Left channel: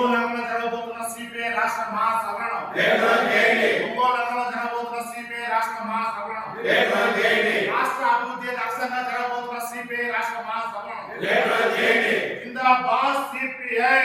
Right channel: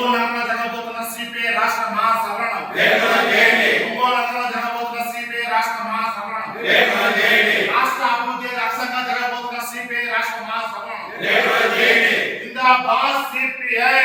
ఒంగోలు నగరంలో జరగబోతున్న సిపిఐ రాష్ట్ర మహాసభలను ఒంగోలు నగరంలో జరగబోతున్న సిపిఐ రాష్ట్ర మహాసభలను రాష్ట్ర అభివృద్ధి లక్ష్యంగా జరగబోతున్న సిపిఐ రాష్ట్ర మహాసభలను జిందాబాద్ సిపిఐ